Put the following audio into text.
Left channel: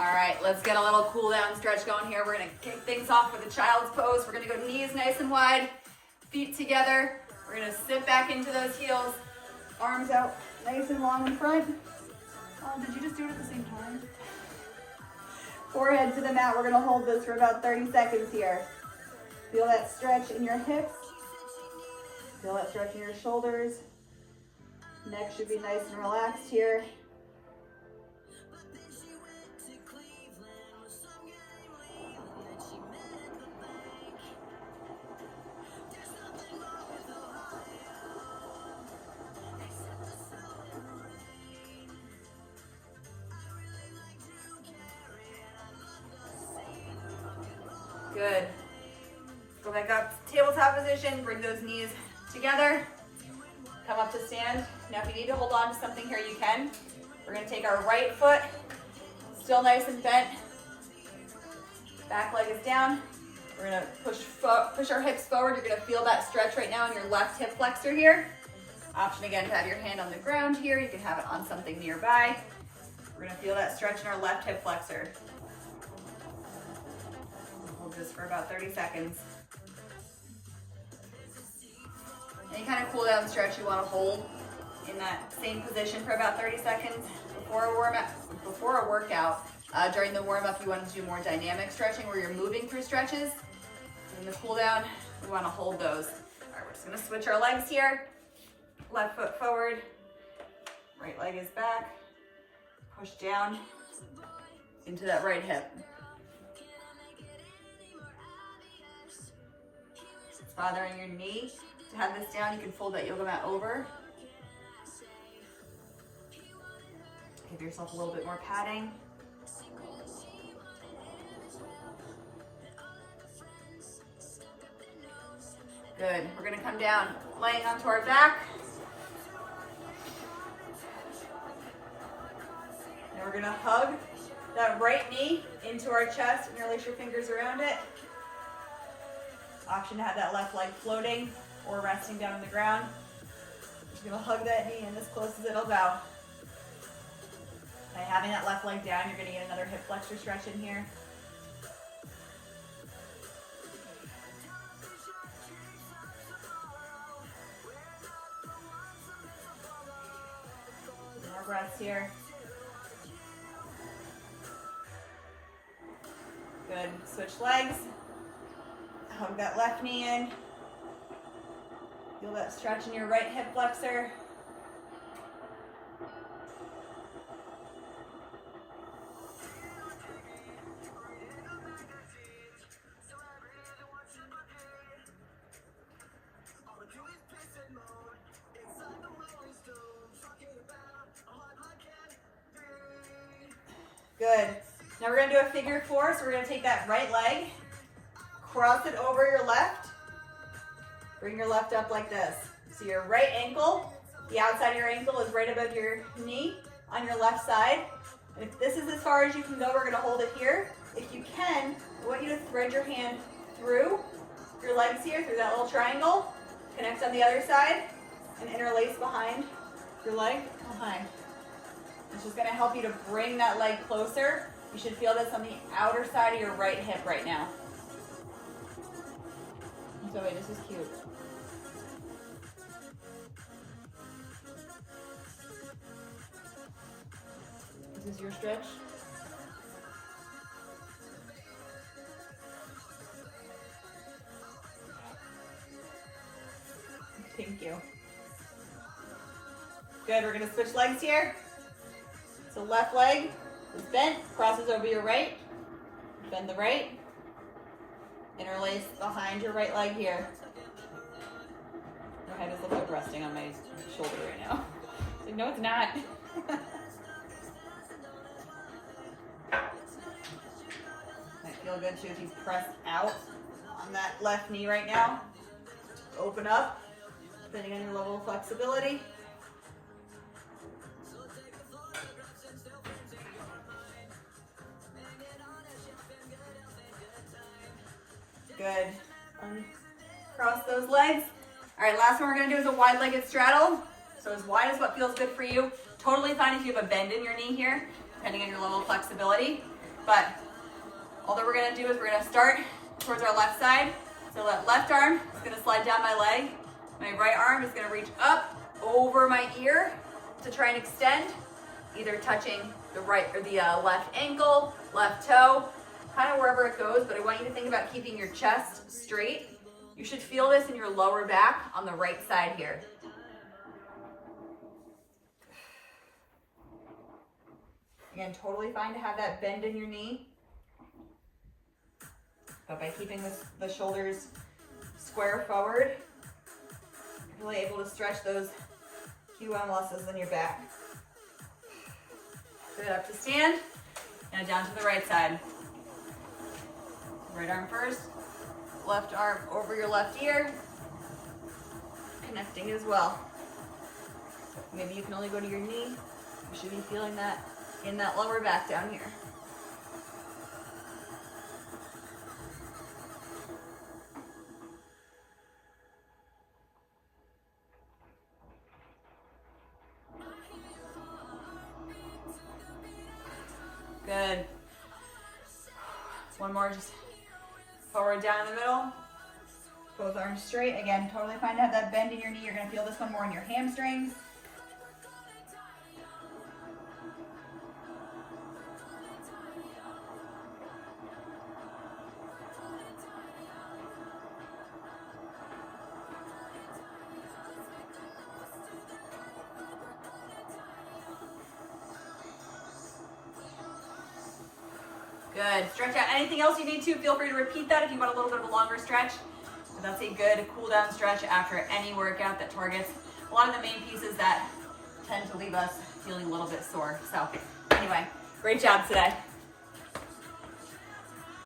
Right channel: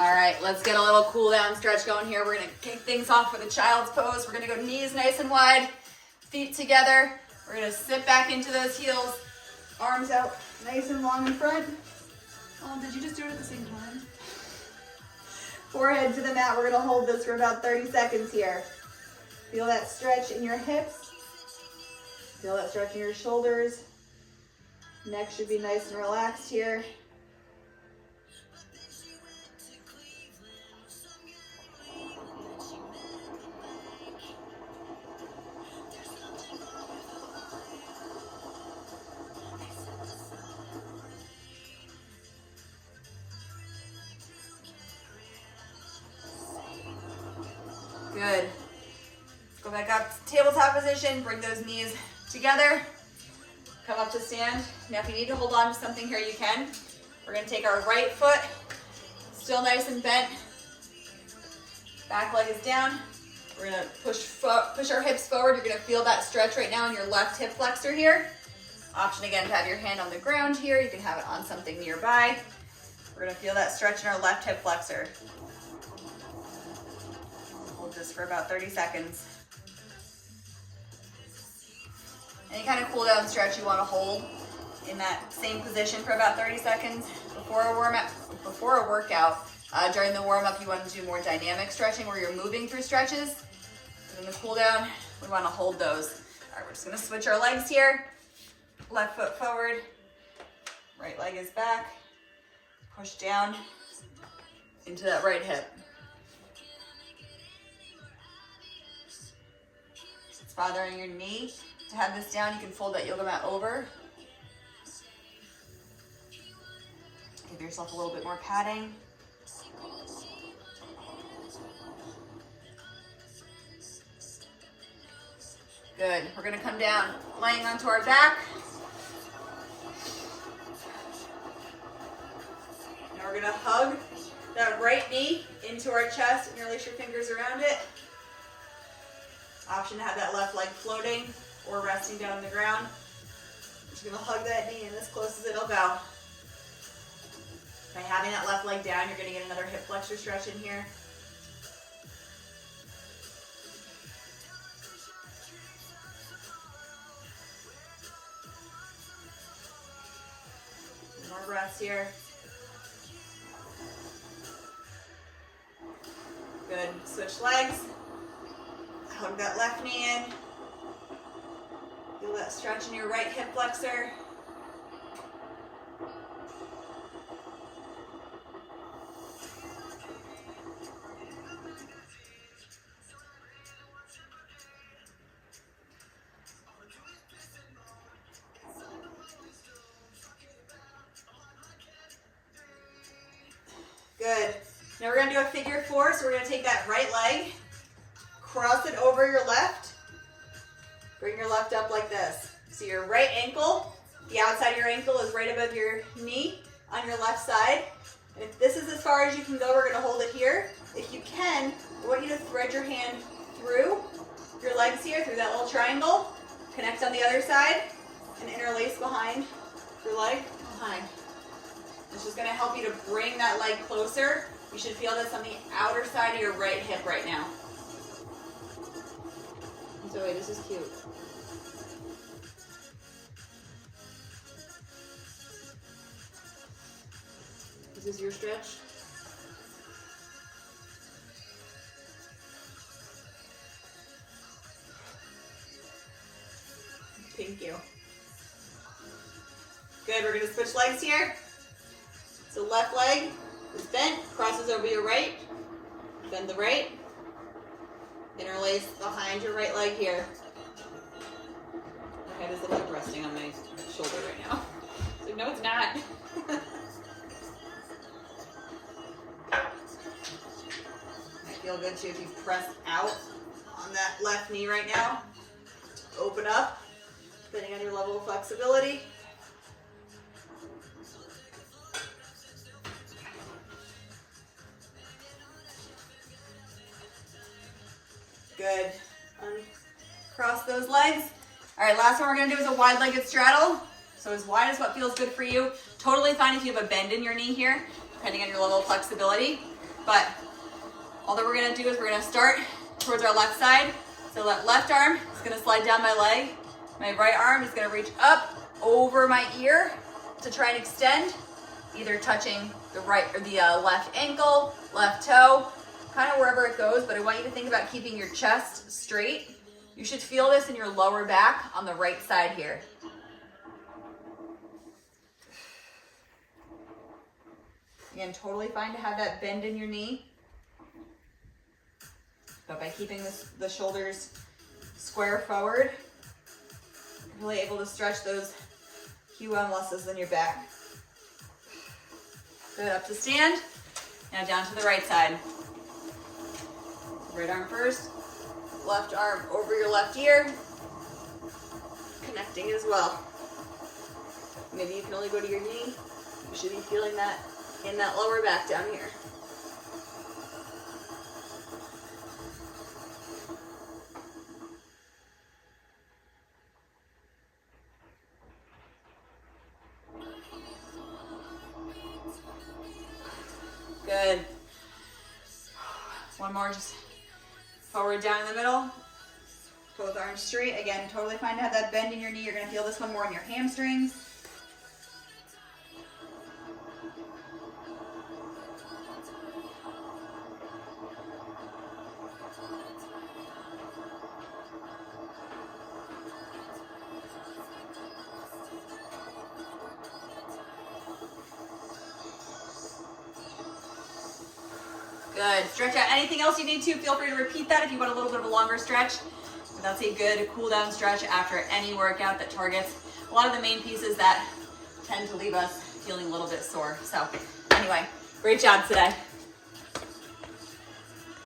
All right, let's get a little cool down stretch going here. We're gonna kick things off with a child's pose. We're gonna go knees nice and wide, feet together. We're gonna sit back into those heels, arms out nice and long in front. Oh, did you just do it at the same time? Forehead to the mat. We're gonna hold this for about 30 seconds here. Feel that stretch in your hips. Feel that stretch in your shoulders. Neck should be nice and relaxed here. Good. Let's go back up to tabletop position. Bring those knees together. Come up to stand. Now if you need to hold on to something here, you can. We're gonna take our right foot, still nice and bent. Back leg is down. We're gonna push our hips forward. You're gonna feel that stretch right now in your left hip flexor here. Option again to have your hand on the ground here. You can have it on something nearby. We're gonna feel that stretch in our left hip flexor. Hold this for about 30 seconds. Any kind of cool down stretch you want to hold in that same position for about 30 seconds before a workout. During the warm up, you want to do more dynamic stretching where you're moving through stretches. And in the cool down, we want to hold those. All right, we're just going to switch our legs here. Left foot forward, right leg is back. Push down into that right hip. If it's bothering your knee, to have this down, you can fold that yoga mat over. Give yourself a little bit more padding. Good. We're going to come down, laying onto our back. And we're going to hug that right knee into our chest and release your fingers around it. Option to have that left leg floating or resting down on the ground. I'm just gonna hug that knee in as close as it'll go. By having that left leg down, you're gonna get another hip flexor stretch in here. More breaths here. Good, switch legs. Hug that left knee in. Feel that stretch in your right hip flexor. Good. Now we're gonna do a figure four. So we're gonna take that right leg, cross it over your left. Bring your left up like this. So your right ankle, the outside of your ankle is right above your knee on your left side. And if this is as far as you can go, we're gonna hold it here. If you can, I want you to thread your hand through your legs here, through that little triangle. Connect on the other side and interlace behind your leg. Behind. It's just gonna help you to bring that leg closer. You should feel this on the outer side of your right hip right now. Zoe, this is cute. Is this your stretch? Thank you. Good, we're gonna switch legs here. So left leg is bent, crosses over your right. Bend the right. Interlace behind your right leg here. Your head is looking like resting on my shoulder right now. It's like, no, it's not. Might feel good too if you press out on that left knee right now. Open up, depending on your level of flexibility. Good. Uncross those legs. All right, last one we're gonna do is a wide-legged straddle. So as wide as what feels good for you. Totally fine if you have a bend in your knee here, depending on your level of flexibility. but all that we're gonna do is we're gonna start towards our left side. So that left arm is gonna slide down my leg. My right arm is gonna reach up over my ear to try and extend, either touching the right or the left ankle, left toe, kind of wherever it goes, but I want you to think about keeping your chest straight. You should feel this in your lower back on the right side here. Again, totally fine to have that bend in your knee, but by keeping the shoulders square forward, you're really able to stretch those QL muscles in your back. Good, up to stand. Now down to the right side. Right arm first, left arm over your left ear, connecting as well. Maybe you can only go to your knee. You should be feeling that in that lower back down here. Good. One more, just forward, down in the middle. Both arms straight. Again, totally fine to have that bend in your knee. You're gonna feel this one more in your hamstrings. Good. Stretch out. Anything else you need to, feel free to repeat that if you want a little bit of a longer stretch. But that's a good cool down stretch after any workout that targets a lot of the main pieces that tend to leave us feeling a little bit sore. So anyway, great job today.